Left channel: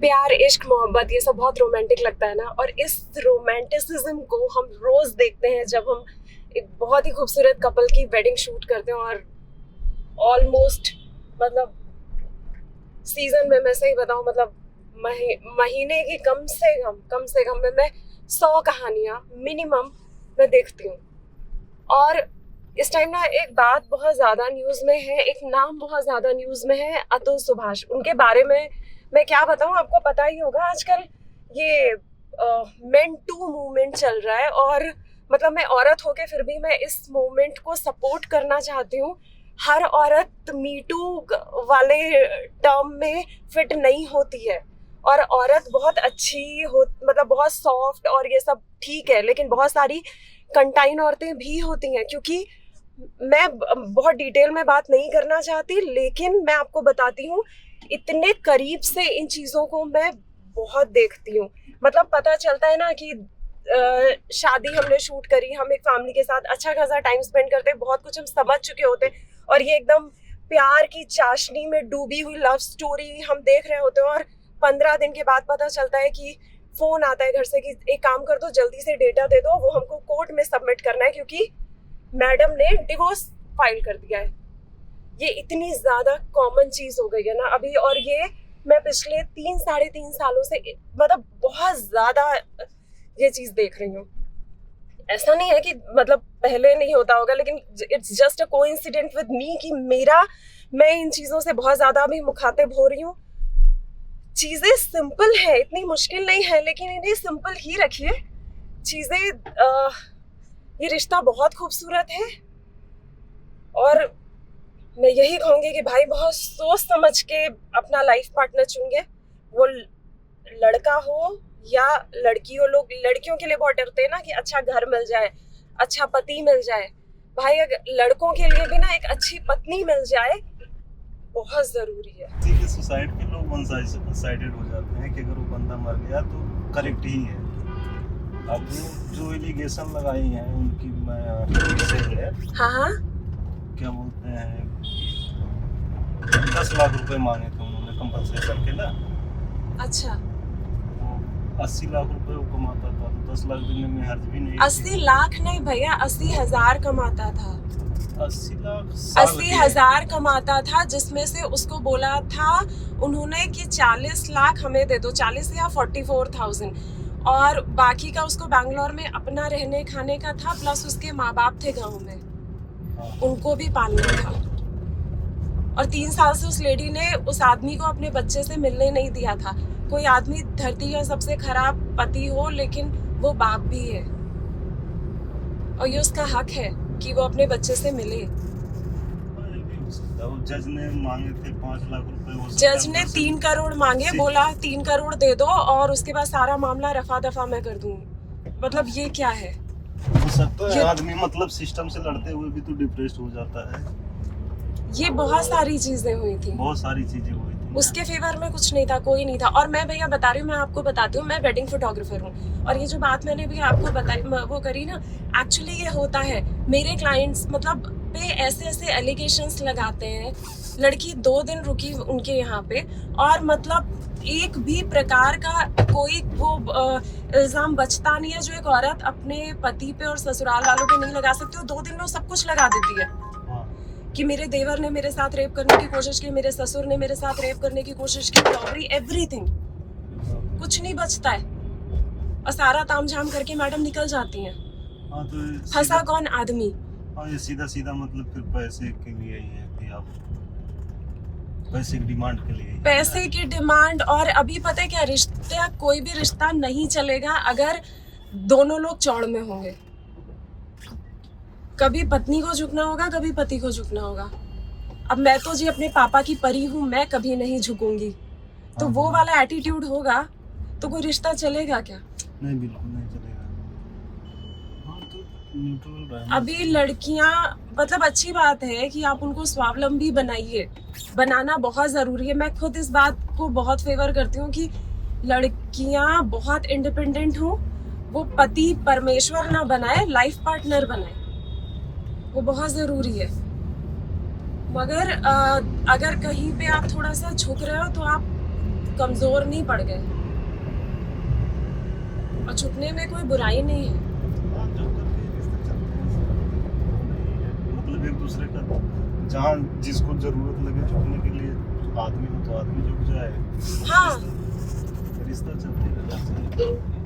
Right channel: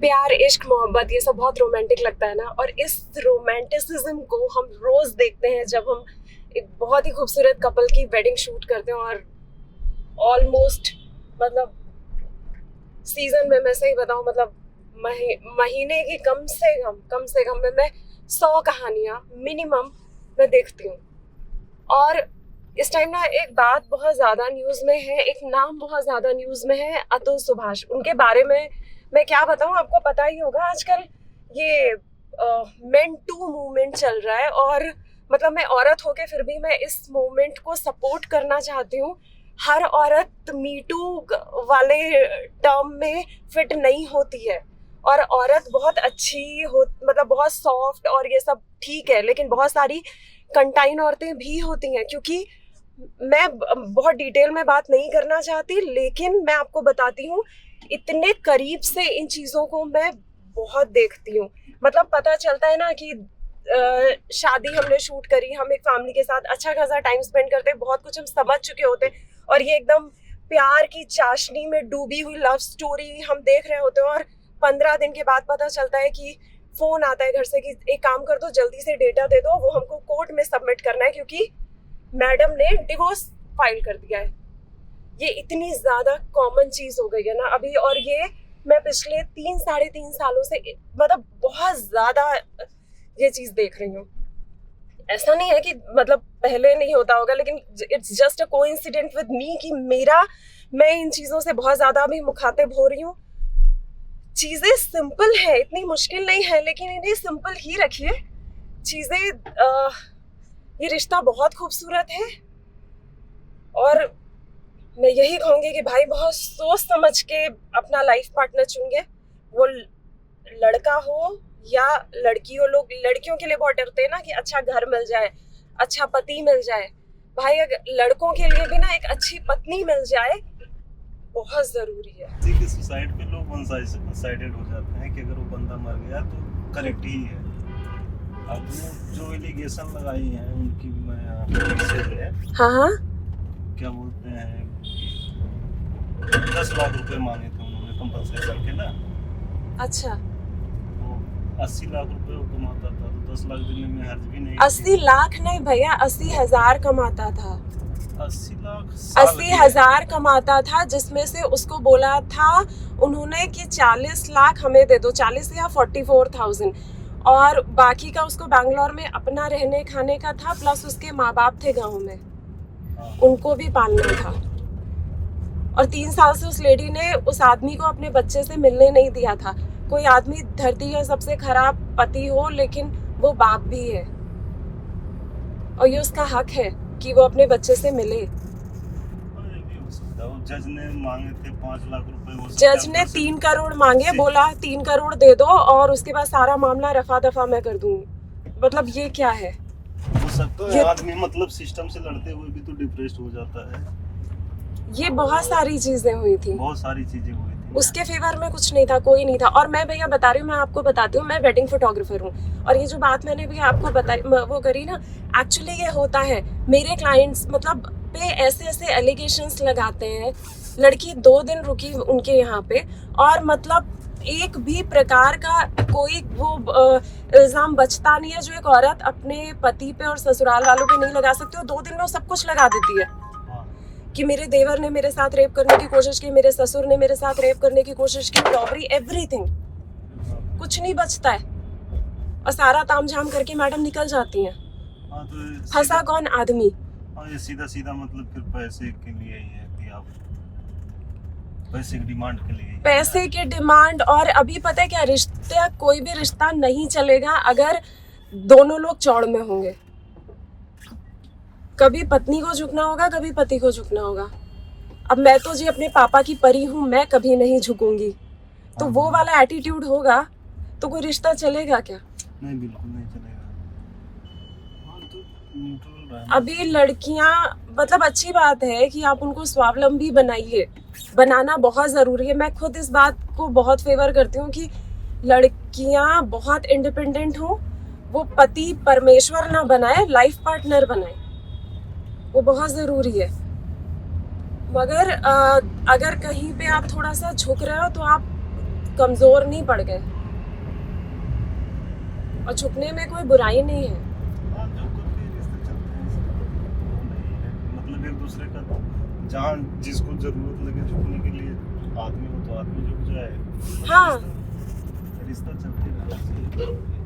प्यार, इश्क, मोहब्बत, ये सब बहुत रोमांटिक लगता है ना। और इस रोमांटिसिज्म को हम रोज देखते हैं जब हम एक बहुत ही खूबसूरत कपल की वेडिंग शूट करते हैं। और ऑलमोस्ट मतलब सीजन में, मैं सही बताऊं, मतलब महीने की कम से कम में मैं 100 कहानियां मिनिमम मैं देखती हूँ। और इस टाइम ना एक बात बहुत ज्यादा न्यूज में है, एक नाम बहुत ज्यादा न्यूज में है, अतुल सुभाष। उनके बारे में मैं क्या बताऊं, आपको पता ही होगा आजकल ये मेन टू मूवमेंट चल रहा है। और मतलब मैं औरत होके फिर भी मैं इस मूवमेंट को सपोर्ट करना चाहती हूँ। हर औरत मीटू वाले टर्म में फिट नहीं होती है। और औरत बहुत अच्छी हो, मतलब बहुत सॉफ्ट और ये सब ठीक है, लेकिन बहुत सारी कंटाइन औरतें भी होती हैं। क्योंकि मैं बहुत डिटेल में बात नहीं करना चाहती, लेकिन मैं आपको बताती हूँ, इतने करीब से इन चीज़ों को मैं बहुत देखती हूँ। मतलब पता चलता है ना कि शादी हमने शूट करी, हम एक फैमिली के साथ अच्छा खासा टाइम स्पेंड करते हैं, बहुत कुछ हम समझ चुके होते हैं, और ये एकदम प्यार की चाशनी में डूबी हुई लव स्टोरी हम देख रहे होते हैं। और 15 दिन के बाद पता चलता है कि फोन आता है घर से कि एक काम कर दो, जल्दी से डेटा दे दो, वो हमको कोर्ट में सबमिट करना है क्योंकि मैडम ने डिवोर्स फाइल कर दिया है। ये इतनी ज्यादा कॉमन चीज हो गई है ना अभी। और ये मैं पिछले 3 साढ़े 3 सालों से मतलब बहुत ज्यादा ये चीज देख रही हूँ। ऐसा नहीं है कि मतलब पहले नहीं होता होगा, लेकिन it's just a coincident with me कि मैं इन चीजों से बहुत ज्यादा अभी मुखातिब हो रही हूँ। चीजें सिंपल है, इतनी मुश्किल नहीं है, लेकिन इन्हें सिंपल ही रखिए। चीजें ये रिश्ता बहुत खूबसूरत है। और मैं यही कहूंगी कि भाई बहुत सोच समझ के अपना लाइफ पार्टनर चुनिए। वो लड़का हो या लड़की हो। लोग लड़कियों के लिए बहुत डरते हैं ना कि अच्छा घर मिल जाए, अच्छा पति मिल जाए। भाई अगर लड़कों के लिए भी ना एक अच्छी पत्नी मिल जाए बहुत जरूरी है। सुसाइड पे लोग वन साइडेड हो जाते हैं कि अगर वो बंदा मर गया तो करेक्ट ही है। अब जो एलिगेशन लगाई हैं उनकी मैं हाँ, क्या बोलते हैं, 10 लाख रुपए मांगे थे उन्होंने कंपनसेशन के ना। अच्छा, वो 80 लाख रुपए वो कमाता था, तो 10 लाख देने में हर्ज भी नहीं। 80 लाख नहीं भैया, 80,000 कमाता था। 80 लाख 80,000 कमाता था, जिसमें से उसको बोला था उन्होंने कि 40 लाख हमें दे दो, 40 या 44,000, और बाकी का उसको बैंगलोर में अपना रहने खाने का था, प्लस उसके माँ बाप थे गांव में, उनको भी पालना था। और 3 साल से उस लेडी ने उस आदमी को अपने बच्चे से मिलने नहीं दिया था। कोई आदमी धरती का सबसे खराब पति हो, लेकिन वो बाप भी है, और ये उसका हक है कि वो अपने बच्चे से मिले। जज ने मांगे थे 5 लाख रुपए। जज ने 3 करोड़ मांगे, बोला 3 करोड़ दे दो और उसके बाद सारा मामला रफा दफा मैं कर दूंगी। मतलब ये क्या है? हो सकता है आदमी मतलब सिस्टम से लड़ते हुए भी तो डिप्रेस्ड हो जाता है। ये बहुत सारी चीजें हुई थी, बहुत सारी चीजें हुई थी। उसके फेवर में कुछ नहीं था, कोई नहीं था। और मैं भैया बता रही हूँ, मैं आपको बताती हूँ, मैं वेडिंग फोटोग्राफर हूँ, और ये जो बात मैंने भी आपको बताई वो करी ना, एक्चुअली ये होता है मेरे क्लाइंट्स मतलब पे ऐसे एलिगेशंस लगाते हैं। लड़की 2 दिन रुकी उनके यहाँ पे, और मतलब एक भी प्रकार का कोई वो इल्जाम बचता नहीं है जो एक औरत अपने पति पे और ससुराल वालों पे नहीं लगा सकती। 2 दिन में सब कुछ लगा देती है कि मेरे देवर ने मेरे साथ रेप करने की कोशिश की, मेरे ससुर ने मेरे साथ रेप करने की कोशिश की, रॉबरी, एवरीथिंग, कुछ नहीं बचता है। और सारा तामझाम करके मैडम निकल जाती हैं। तो फंसा कौन? आदमी। ये सीधा मतलब फिर पैसे के लिए ही है कि आप पैसे की डिमांड के लिए। पैसे की डिमांड। और अभी पता है क्या, रिश्ता, कोई भी रिश्ता नहीं चलेगा अगर दोनों लोग चौड़ में होंगे। कभी पत्नी को झुकना होगा, कभी पति को झुकना होगा। अब मैं तो जी अपने पापा की परी हूँ, मैं कभी नहीं झुकूंगी। तो वो वाला एटीट्यूड होगा तो कोई रिश्ता चलेगा क्या? नहीं, बिल्कुल नहीं चलेगा। तो न्यूट्रल रहना। अभी लड़कियां, मतलब अच्छी बात है कि आप उनको स्वावलंबी बनाइए, बनाना बहुत जरूरी है। मैं खुद इस बात को बहुत फेवर करती हूँ कि लड़कियां बहुत इंडिपेंडेंट हो, वो पति परमेश्वर ना बनाए, लाइफ पार्टनर बनाए, वो बहुत जरूरी है। मगर अगर कहीं पे आप थोड़ा सा झुक रहे हो तो आप कमजोर नहीं पड़ गए, और छुपने में कोई बुराई नहीं है। हाँ, जो करके रिश्ते चलते हैं, वो नहीं है। मतलब एक दूसरे का जहाँ जिसको जरूरत लगे झुकने के लिए आदमी हो तो आदमी झुक जाए। हाँ। रिश्ता चलते रहना चाहिए।